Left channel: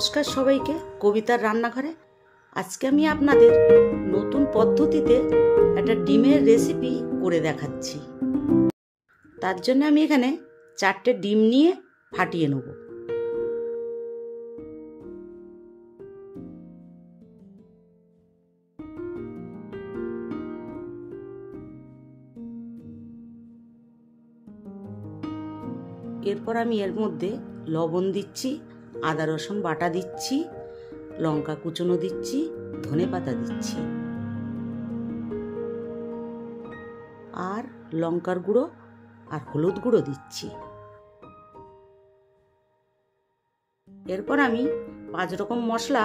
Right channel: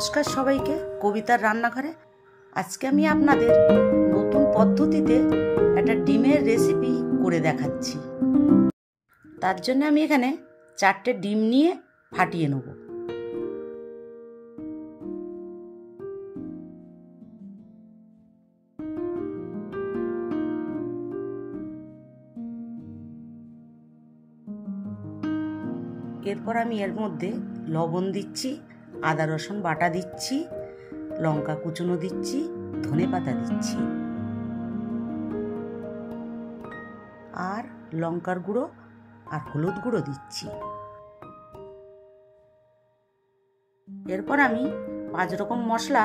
নমস্কার সবাইকে, কবিতার রান্নাঘরে। আজকে আমি আপনাদের নতুন পদ্ধতিতে একটা ডিমের রেসিপি করে দেখাচ্ছি। তার জন্য আমি এখানে 4টে ডিম নিয়ে ফাটিয়ে নেব। এরপর আমি এর মধ্যে লবণ দিচ্ছি, আদা রসুন বাটা দিচ্ছি, লঙ্কা কুচনো দিচ্ছি, ধনেপাতা দিচ্ছি, আর লঙ্কার গুঁড়ো আর হলুদ গুঁড়ো দিচ্ছি। এরপর আমি 5 রকম মশলা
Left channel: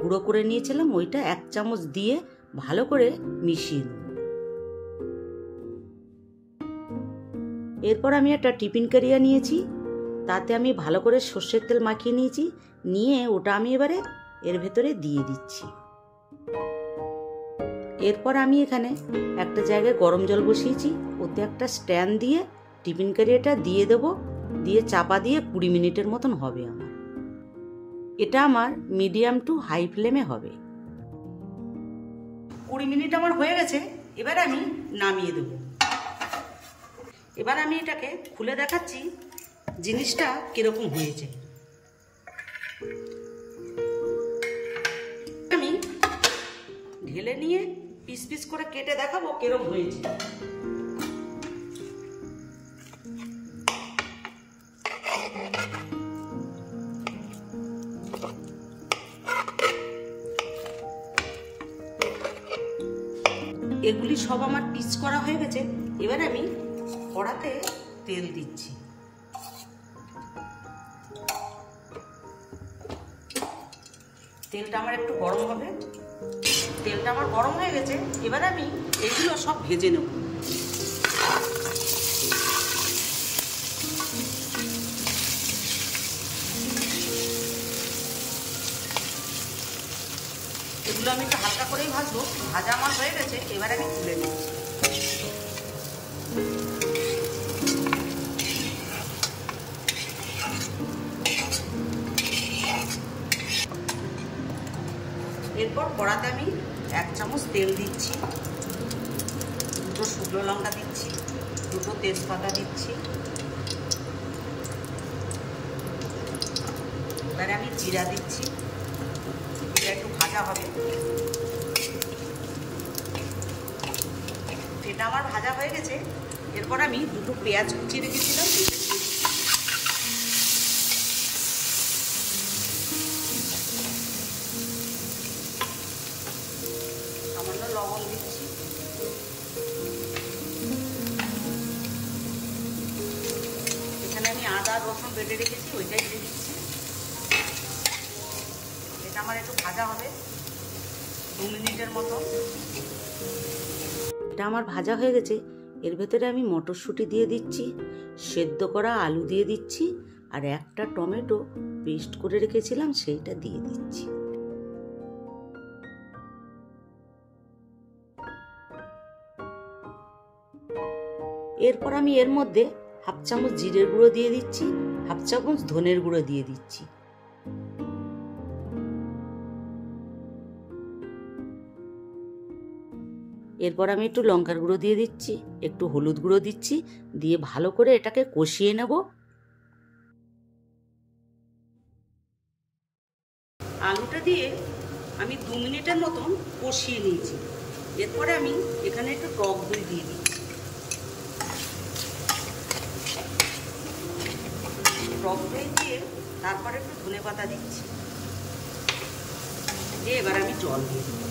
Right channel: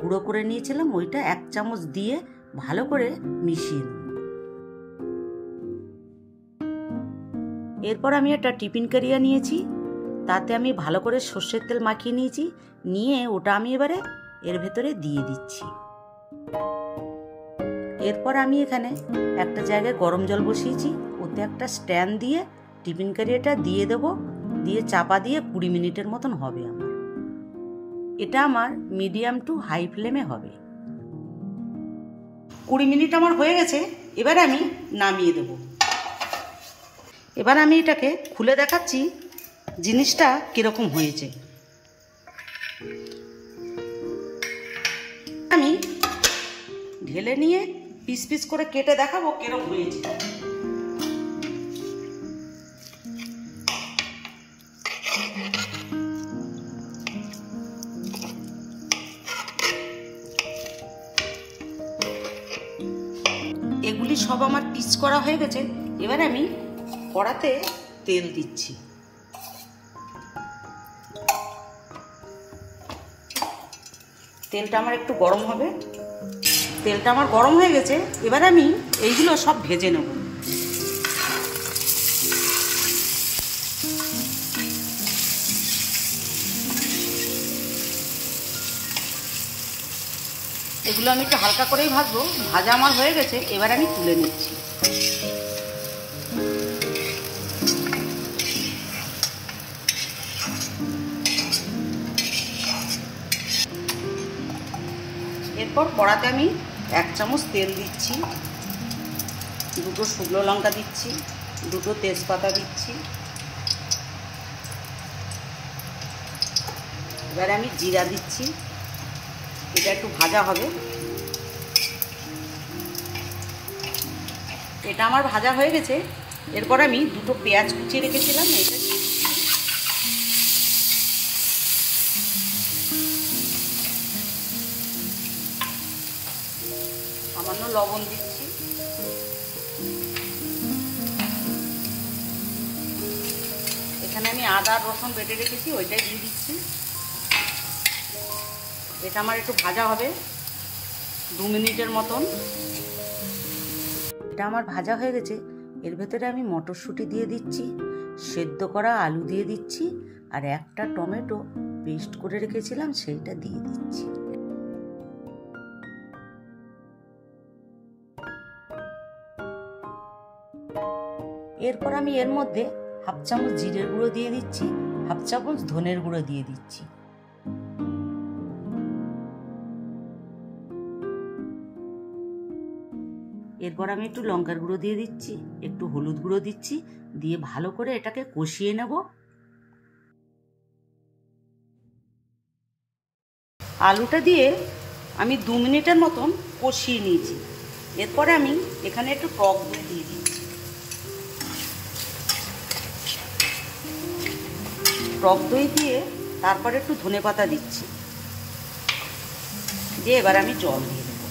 গুঁড়ো করে নিয়েছিলাম, ওইটা 1 চামচ দিয়ে ভালো করে মিশিয়ে নেব। এরপর আমি একটা টিফিন ক্যারিয়ার নিয়েছি, তাতে আমি ভালো করে সর্ষের তেল মাখিয়ে নিয়েছি, নিয়ে ওটা আমি এবারে এর ভেতরে দিয়ে দিচ্ছি। এরপর আমি এখানে একটা জায়গায় গরম জল বসিয়েছি, ওতে একটা স্ট্যান্ড দিয়ে টিফিন ক্যারিয়ারটা দিয়ে দেব, দিয়ে চাপা দিয়ে 20 মিনিটের মতন হবে আমার। এটা আমার মিডিয়াম টু হাই ফ্লেমে হবে। 20 মিনিট আমার হয়ে গেছে, এবার আমি নামিয়ে দেব। এবার আমি এটাকে খুলে দেখাচ্ছি জিনিসটা কিরকম হয়েছে। আমি ঢেলে নিয়ে পিস পিস করে কেটে দেখাবো কিরকম হয়েছে। এগুলি সব আমার পিস করা হয়ে গেছে। এবার আমি কড়াতে তেল দিচ্ছি। তেলটা আমার একটু গরম হবে। তেলটা আমার গরম হয়ে গেছে, এবার আমি এইগুলো সব ভেজে নেব। এগুলো আমি একটু হালকা করেই ভাজবো। ভাজা আমার হয়ে গেছে, এবার আমি তুলে নিচ্ছি। এরপর কড়াতে আমি 1 চামচ তেল দিচ্ছি, 2টো শুকনো লঙ্কা দিচ্ছি, 2টো তেজপাতা দিচ্ছি। এবার আমি জিরা দিচ্ছি, এটা একটু ভাজা হবে। এটা আমার ভাজা হয়ে গেছে। এরপর আমি 2টো পেঁয়াজ কুচিয়ে রেখেছিলাম, এটা দিয়ে দিচ্ছি। সামান্য লবণ দিচ্ছি। এখানে আমি আদা রসুন বেটে রেখেছি, ওইটাই দিয়ে দিচ্ছি। এটা আমার একটু ভাজা হবে 2 মিনিটের মতন। এটা আমার ভাজা হয়ে গেছে। এর ভেতরে আমি মটরশুঁটি দিয়ে দিচ্ছি, সেদ্ধ করা আলু দিয়ে দিচ্ছি, আর একটা টমেটো পেস্ট করে রেখেছিলাম সেইটা দিয়ে দিচ্ছি। এরপর আমি এর মধ্যে 1/2 চামচ জিরের গুঁড়ো দিয়ে দিচ্ছি, 1/2 চামচ ধনের গুঁড়ো দিয়ে দিচ্ছি। এরপর আমি একটু লঙ্কার গুঁড়ো দিয়ে দিচ্ছি, একটু হলুদ গুঁড়ো দিচ্ছি, দিয়ে ভালো করে এটাকে কষিয়ে নেব। আলুটা দিয়ে আমি 2 মিনিটের মতন কষিয়ে নিয়েছি। এরপরে আমি এখানে একটু টক দই দিয়ে দিচ্ছি। টক দই দিয়ে তারপরে একটু ধনেপাতা দিচ্ছি, দিয়ে এবার আমি জল দিয়ে দেবো।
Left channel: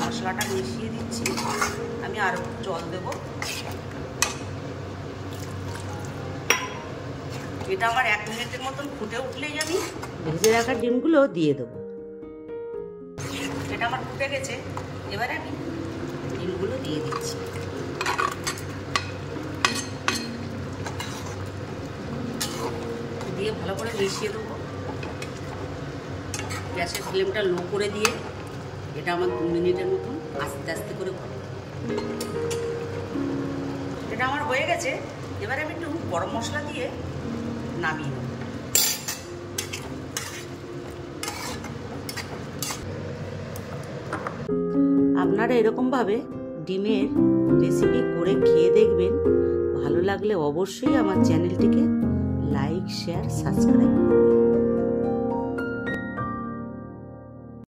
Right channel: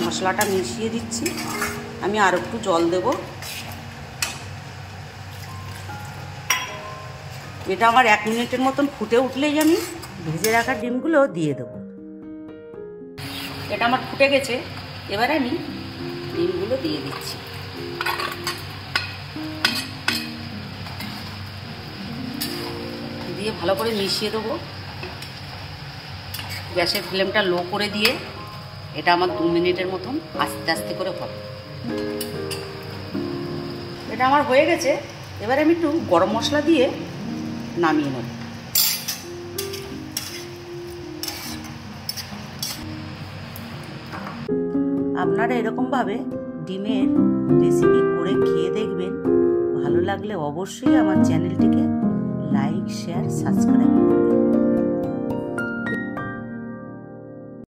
মশলাটা মিশিয়ে দিচ্ছি, আমি আর একটু জল দেব। এটা আমার 1 মিনিটের মতন ফুটে উঠলেই আমি ভেজে রাখা ডিমগুলো দিয়ে দেবো। এটা আমার ফুটে গেছে, এবারে আমি ডিমগুলো দিয়ে দিচ্ছি। দিয়ে ভালো করে মিশিয়ে দেবো। গ্যাসের ফ্লেমটা লো করে দিয়ে এটা আমার 2 মিনিটের মতন আস্তে আস্তে করে হবে। এটা এটা আমার হয়ে গেছে। এবারে আমি একটু গরম মশলা দিয়ে নামিয়ে নেব। আপনারা এরকমভাবে ডিমের রেসিপি করে খেয়ে দেখবেন। ভালো লাগলে অবশ্যই আমার চ্যানেলটিকে লাইক, শেয়ার, সাবস্ক্রাইব